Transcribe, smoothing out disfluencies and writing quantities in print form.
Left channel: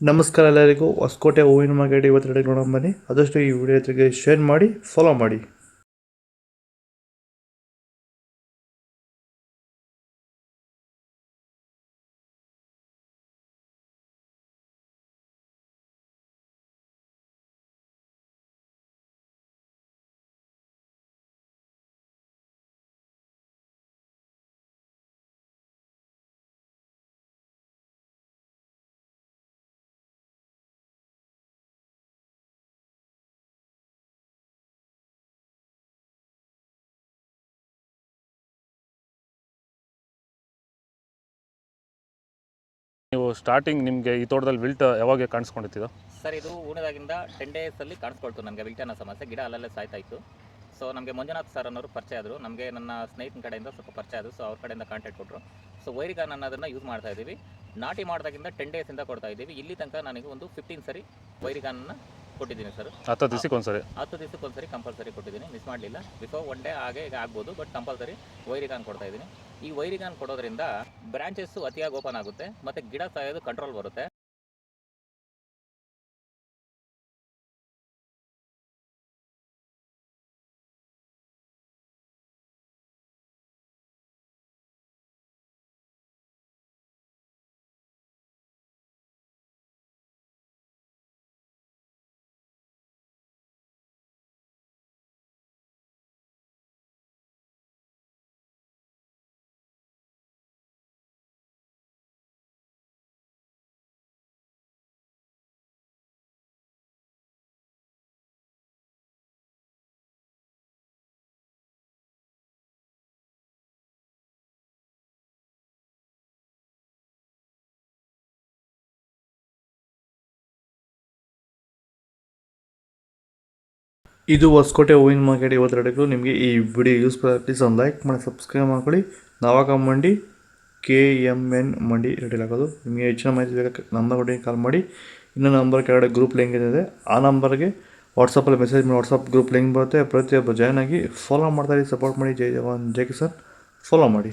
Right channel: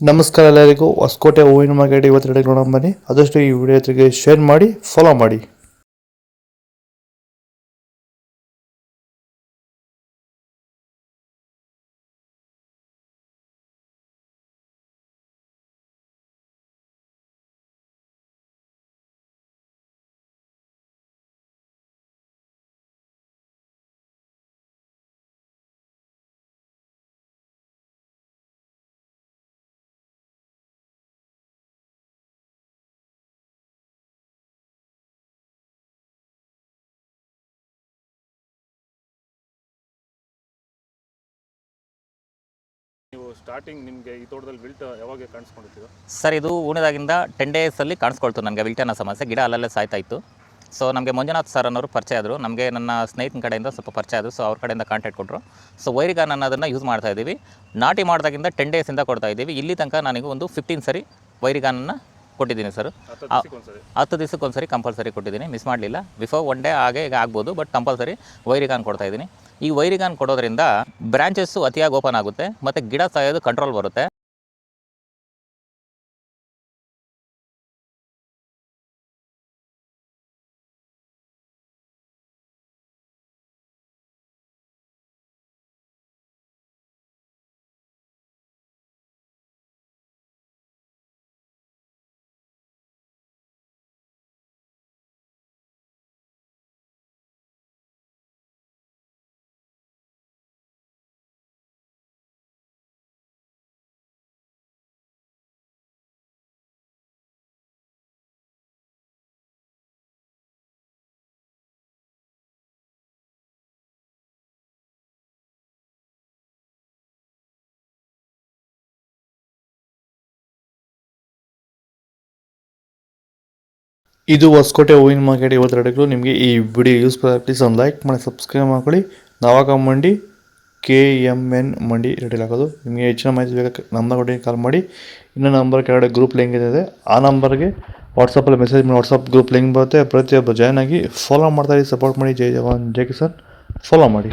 ನಮಸ್ಕಾರ ಎಲ್ಲರಿಗೂ. ಹೊಸಕೋಟೆ ಹೂವಿನ ಮಾರ್ಕೆಟ್ ಇವತ್ತು ನೋಡೋಣ ಬನ್ನಿ. ಆದಷ್ಟು ಈ ವಿಡಿಯೋ ಜೊತೆಗೆ ಶೇರ್ ಮಾಡಿ, ಫಾಲೋ ಮಾಡಿ. ನೀವು ಸ್ಟಾರ್ಟಿಂಗ್ ನಿಮಗೆ ಈ ತೋಟದಲ್ಲಿ ವಿಲ್ಟ್ ಯಾವಾಗ ಕಾಣಿಸ್ಕೊಂಡಿತ್ತು? ಸರ್, ಇದು ಹೂಣಿದಾಗಿಂದ 10 ಡೇಸಲ್ಲಿ ಕಾಣಿಸ್ಕೊಳ್ತು ನನಗೆ ವಿಲ್ಟ್ ಅನ್ನೋ ಸಮಸ್ಯೆ. ಗಿಡ ಅಲ್ಲಲ್ಲೇ ಸಾಯ್ತಾ ಇತ್ತು. ಸೊ ನಮಗೆ ಮಂಜುನಾಥ್ ಸರ್ ಅನ್ನೋರು ಪರಿಚಯ ಆದರು. ನಮಗೆ ನನ್ನ ಸ್ನೇಹಿತನ ಕಡೆಯಿಂದ ಸ್ವಲ್ಪ ಪರಿಚಯ ಆದರು. ಸೊ ಅವ್ರ ಕಡೆಯಿಂದ ಕಾಂಟ್ಯಾಕ್ಟ್ ಕೊಟ್ಟರು. ಸೊ ವೈರಿಗಾನ್ ಅನ್ನೋದನ್ನು ಯೂಸ್ ಮಾಡ್ತಾ ಇದ್ದೀವಿ. ನಾಟಿ ಮಾಡಿದಾಗಿಂದ 10 ಡೇಸಿಂದ ಕೊಡ್ತಾ ಇದ್ದೀವಿ. ಇಲ್ಲಿ ತನಕ ನನಗೆ ಒಂದು 15 ಸರಿ ವೈರಿಗಾನನ್ನು ಕೊಟ್ಟಿದ್ದೀನಿ ಸರ್. 10 ದಿವಸಕ್ಕೊಂದ್ಸರಿ ಕಂಪಲ್ಸರಿ ಕೊಟ್ಟಿದ್ದೀನಿ, ಮಿಸ್ ಮಾಡಲಿಲ್ಲ. ಬಿಫೋರ್ 1 ಡೇ ಹಾಗೆ ಈಗ ಆಗ್ಬೋದು, ಬಟ್ ಕಂಪಲ್ಸರಿ ವೈರಿಗಾನ್ ಕೊಡ್ತಾ ಇದ್ದೀನಿ. ಈ ವೈರಿಗಾನ್ ಕೊಡೋದ್ರಿಂದ ಬ್ರಾಂಚಸ್ಸು ಅತಿಯಾಗಿ ಓಪನ್ ಆಗುತ್ತೆ ಮತ್ತು ಗಿಡ ಸಾಯೋದು ಕಂಟ್ರೋಲ್ ಬರುತ್ತೆ. ಇದು ಹೊಸಕೋಟೆ ಹೂವಿನ ಮಾರ್ಕೆಟ್ ಇವತ್ತು ನಿಮಗೆ ಈ ವಿಡಿಯೋ ಯೂಸ್ ಪ್ಲೀಸ್ ಒಂದು ಲೈಕ್ ಮಾಡಿ, ಸಬ್ಸ್ಕ್ರೈಬ್ ಮಾಡ್ಕೊಳ್ಳಿ. ನವಾಗ ಮಂಡಿ KMN ಮಂಡಿ ರೆಡಿ ಆಗೋದು. ನಿಮಗೆ ಹೆಚ್ಚಿನ ಮಾಹಿತಿ ಬೇಕಾದ್ರೆ ನಂಬರ್ ಕಾಲ್ ಮಾಡಿ. ಇನ್ನೊಂದು ನಂಬರ್ ಕೆಳಗಡೆ ಗ್ರೂಪ್ ಲಿಂಕ್ ಇದೆ, ಆ ನಂಬರ್ಗೆ ವಾಟ್ಸಪ್ಪಲ್ಲಿ ಮೆಸೇಜ್ ಮಾಡಿ. ವಾಟ್ಸಪ್ ಗ್ರೂಪ್ ಲಿಂಕ್ ಬರುತ್ತೆ. ಪ್ರತಿಯೊಬ್ಬರು ಜಾಯ್ನ್ ಆಗಿ ಫಾಲೋ ಮಾಡ್ತಾ ಸಪೋರ್ಟ್ ಮಾಡಿ. ಜೈ ಜವಾನ್ ಜೈ ಕಿಸಾನ್. ಫಾಲೋ ಮಾಡಿ.